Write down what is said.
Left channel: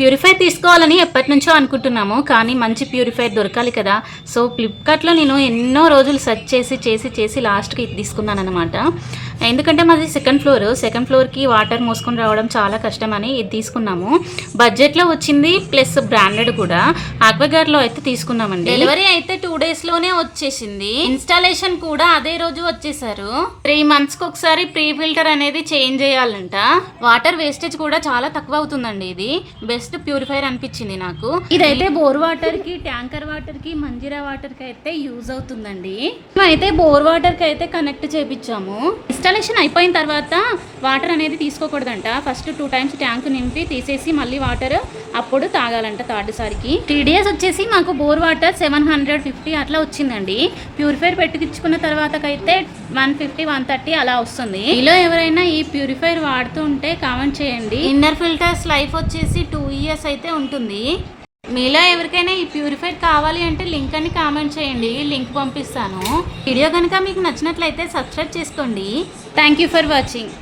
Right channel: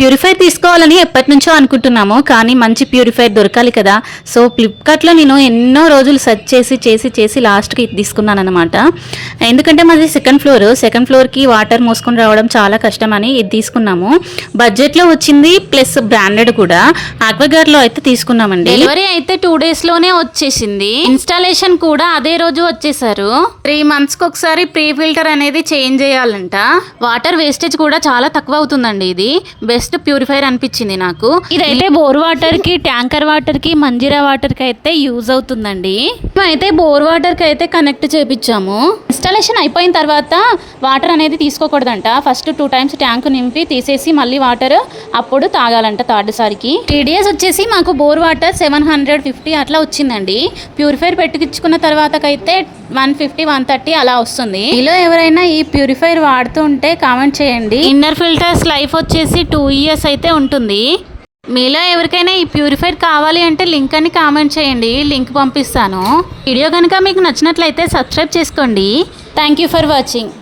Purifier తీసుకోవాలని ఎప్పటి నుంచో అనుకుంటున్నాము, కానీ మంచి ప్యూరిఫైర్ దొరకాలి కదా. సో ఫ్లిప్కార్ట్లో నేను ఎన్నో రోజులు సెర్చ్ చేసి లాస్ట్కి ఇది తీసుకున్నాను అనమాట. ఎందుకంటే మాది సెకండ్ ఫ్లోర్కి వాటర్ మోసుకొని రావడం చాలా కష్టమని ఇది తీసుకున్నాము. బడ్జెట్లో వచ్చింది, ప్లస్ బ్రాండెడ్ కూడా. ఆక్వాగార్డ్లో అయితే తీసుకున్నామండి. డెలివరీ అయితే 2 డేస్లోనే వచ్చేసింది. ఇన్స్టాలేషన్ కూడా అదే రోజు వచ్చేసారు. 3 మంత్స్కి ఒకసారి ప్రీ ఫిల్టర్ అనేది చేంజ్ చేయాలంట. వాటర్ వేస్టేజ్ కూడా చాలా తక్కువ అవుతుందండి. ఇది బెస్ట్ ప్యూరిఫైర్ అనిపించింది నాకు. ఇదైతే బోర్ వాటర్ కి, ట్యాంకర్ వాటర్ కి, మంజీరా వాటర్ కి అయితే యూజ్ అవుతుందండి. అయితే బోర్ వాటర్ కి అయితే కనెక్ట్ చేపించాము. ఇన్స్టాలేషన్ అయిపోయిన తర్వాత వాటర్ అనేది తీసుకోకూడదంట. ఫస్ట్ 2 టైమ్స్ ట్యాంక్ నింపి తీసేసి మళ్ళీ వాటర్ అప్పుడు తాగాలంట. థర్డ్ సారికి TDS వచ్చేసి మాకు బోర్ వాటర్ 750 అట్లా వచ్చిందండి. ప్యూరిఫైర్ పెట్టించుకున్న తర్వాతకైతే 150, 130 అలా వస్తుంది. మీలో ఎవరైనా ఈ ప్యూరిఫైర్ వాడుతూ ఉంటే కామెంట్ చేయండి. ఇన్నర్ ఫిల్టర్స్ లైఫ్ వచ్చేసి 2 years అయితే ఉంటుంది. మీలో ఎవరికైనా ఈ ప్యూరిఫైర్ కావాలి అంటే లింక్ అని కామెంట్ చేయండి, లింక్ పంపిస్తాను. వీడియో కనుక మీకు నచ్చినట్లయితే సబ్స్క్రైబ్ చేసుకోండి. Thank you for watching.